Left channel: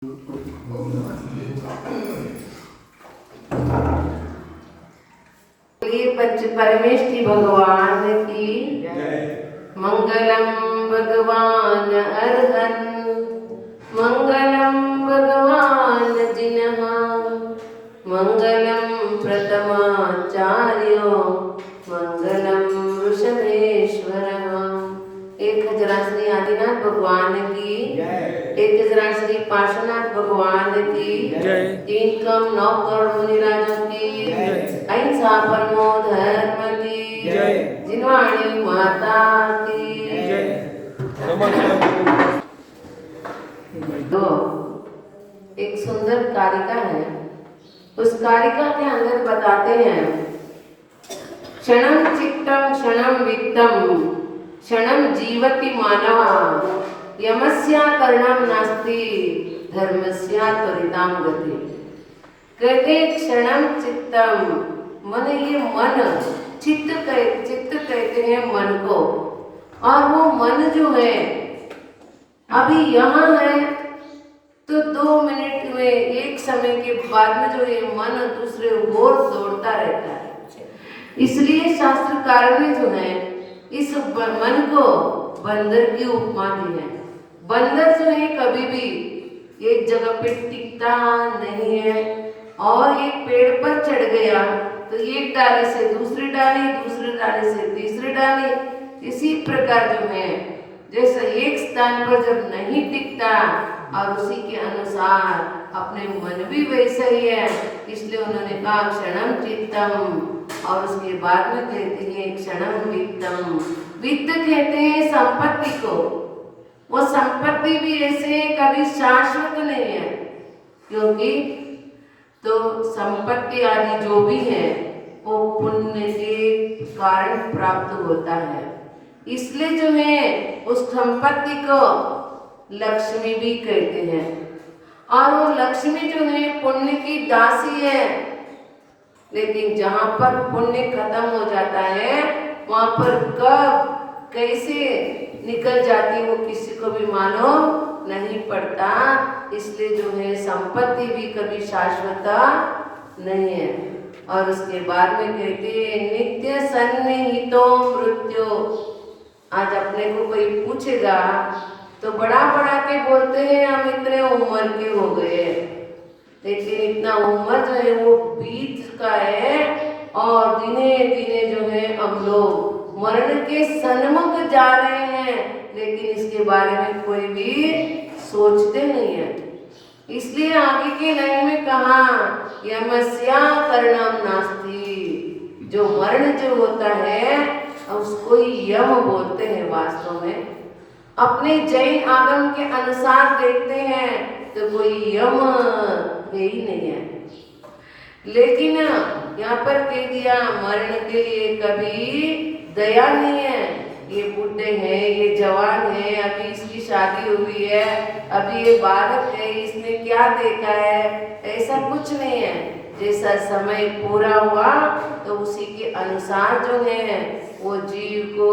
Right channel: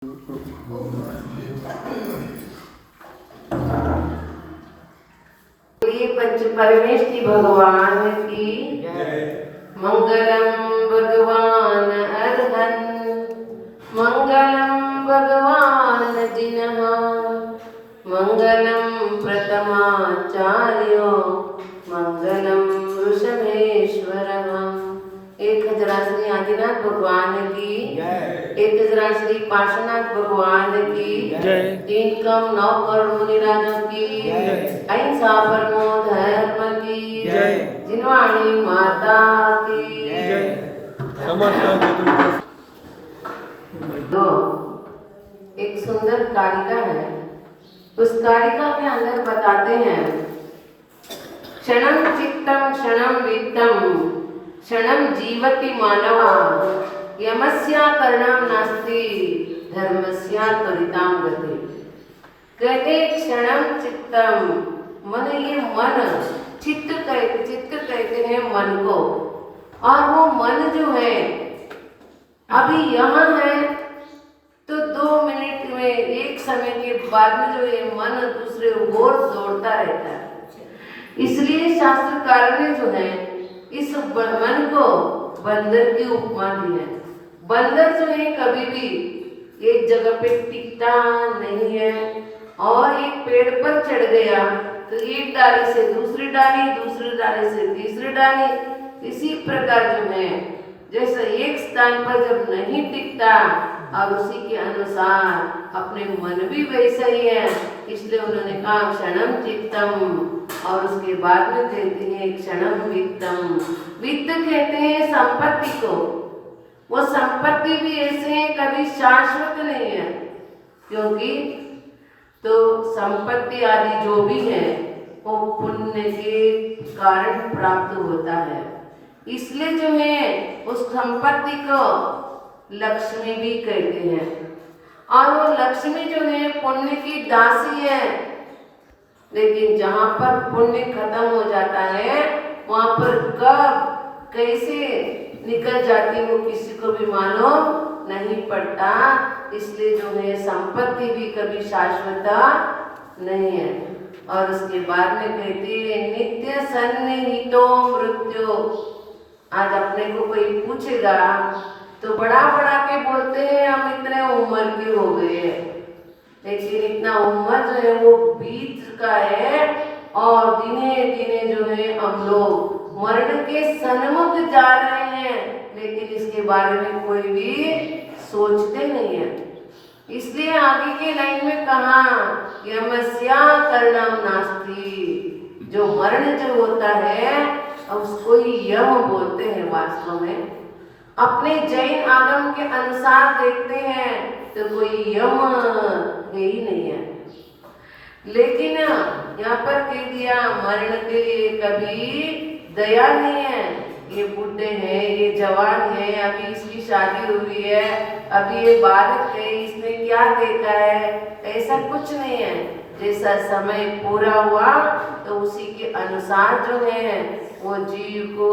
पंच परमेष्टि भगवान की मंगलम भगवान अर्हन मंगलम भगवान जिनः मंगलम प्रथमाचार्यो मंगलम वृषभेश्वरः। एक हजार श्री आदिनाथ भगवान की, एक हजार श्री पार्श्वनाथ भगवान की, तीन कम 9 करोड़ मुनिराजों की, अहिंसा परमो धर्म की, जिनवाणी माता की। तो एक सुंदर कारिका है, उस कारिका के अंदर बताते हैं क्षणम चित्तम क्षणम वित्तम क्षणम जीवति मानवा यमस्या करणम नास्ति धर्मस्या त्वरितां गति। कहते क्षणम चित्तम मन, ये मन चित्त कहते हैं मन को, और वो मन जो है अभी यहाँ है तो 2 मिनट में, एक समय के बाद में जो ये मन दूसरे ओर दौड़ता रहता है। इसलिए शास्त्रकारों ने जो है इस मन को बंदर की उपमा दी है। बंदर जो है कभी भी एक जगह पे टिकता नहीं है, और एक पेड़ पर चढ़ गया तो एक डाली से दूसरी डाली, दूसरी डाली से तीसरी डाली, इसी प्रकार जो है जैसा एक स्थान पर जब नहीं टिकता और उसी के अनुसार अपने मन भी वैसा ही है। इसलिए उन्होंने कहा क्षणम चित्तम, और उसके बाद में कहते हैं क्षणम वित्तम। वित्त कहते हैं संपत्ति को। वो संपत्ति भी ऐसे है कभी शाश्वत नहीं है, क्योंकि तो संपत्ति आदि जो भी है वो पुण्य के कारण प्राप्त होता है। इसलिए जो है उस संपत्ति को लक्ष्मी भी कहते हैं, और वो लक्ष्मी जो है पुण्य की दासी है। लेकिन जहाँ पर पुण्य खत्म हो जाता है वहाँ पर कब कैसे निकल जाती वो किसी को भी मालूम नहीं पड़ता। इसलिए जो है संपत्ति भी कभी शाश्वत नहीं है। और उसके बाद में कहते हैं नित्य सन्निहितो मृत्यु। आज अपने को कोई पूछेगा तो बड़ा बड़ा के बोलते हैं हम इतने उम्र के हो गए, लेकिन इतना उम्र जो है वो बीत चुका है, और दिने दिने जो है हम लोग मरण के सन्मुख जा रहे हैं, लेकिन इसके बारे में कोई भी सोचते नहीं है। इसलिए आगे की लाइन में कहा यमस्या करणम नास्ति। जो मरण जो होता है उसको ही यम बोलते हैं। वास्तव में अपने जैन आगम के अनुसार देखते हैं तो कोई यम है ही नहीं है। लेकिन यहाँ पर कह दिया मरण के लिए कभी दया नहीं है। ये बूढ़े हैं, ये जवान है, अभी इसकी शादी हुई है, अभी ये बालक है, इसने क्या देखा है, ऐसा कुछ नहीं है। जैसा समय पूरा हुआ तो उसी के अनुसार जो है वो जीव को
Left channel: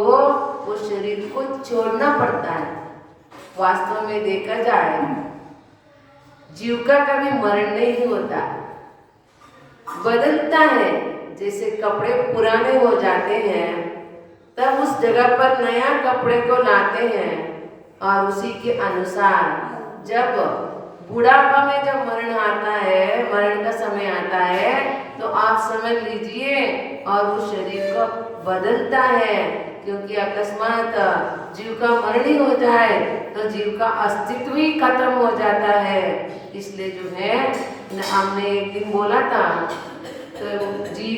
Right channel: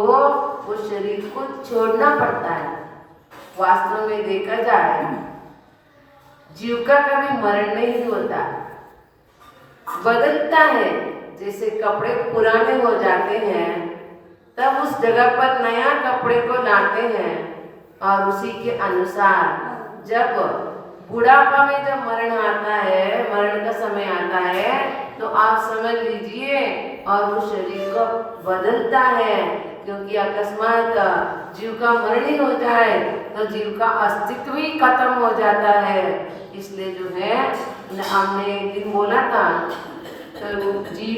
वो शरीर को छोड़ना पड़ता है। वास्तव में देखा जाए जीव का कभी मरण नहीं होता, बदलता है। जैसे कपड़े पुराने हो जाते हैं तब उस जगह पर नया कपड़े को लाते हैं, और उसी के अनुसार जब बुढ़ापा में जब मरण आता है, मरण का समय आता है, तो आप समझ लीजिए और उस शरीर को बदलता है। क्योंकि अकस्मात जीव का मरण ही हो जाए तो जीव का अस्तित्व ही खत्म हो जाता है। इसलिए जो है हमने एक दिन बोला था तो जीव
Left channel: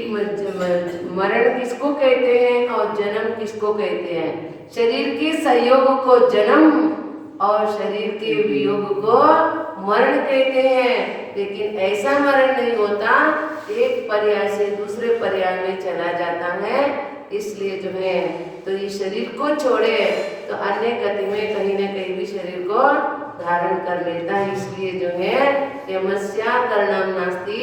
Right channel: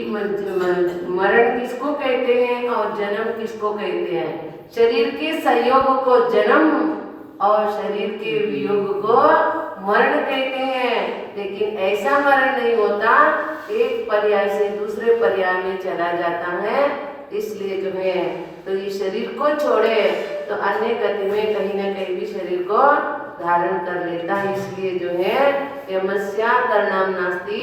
मरण किसको कहते हैं और जन्म किसको कहते हैं। शरीर के संयोग को जन्म और शरीर के वियोग को मरण कहते हैं। लेकिन ऐसा मरण नहीं होता, एक पर्याय से दूसरे पर्याय में चला जाता है। इसलिए जो है तो ये शरीर को छोड़े तो अन्य गति में कहीं ना कहीं भी शरीर को धारण कर लेता है। इसलिए जो है यमस्या करणम नास्ति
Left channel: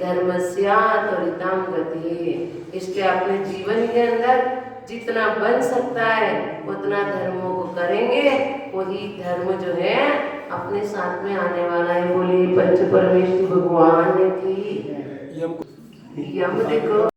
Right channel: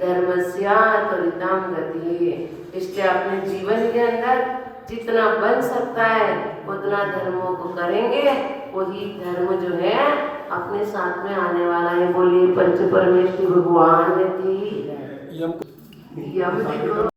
धर्मस्या त्वरितां गति। इसलिए अपने जीवन के अंदर जितना बन सकता है उतना धर्मों को करेंगे, वही धर्म जो है अपने साथ में आने वाला है। बोलिए पंच परमेश्वर भगवान की। यम देखो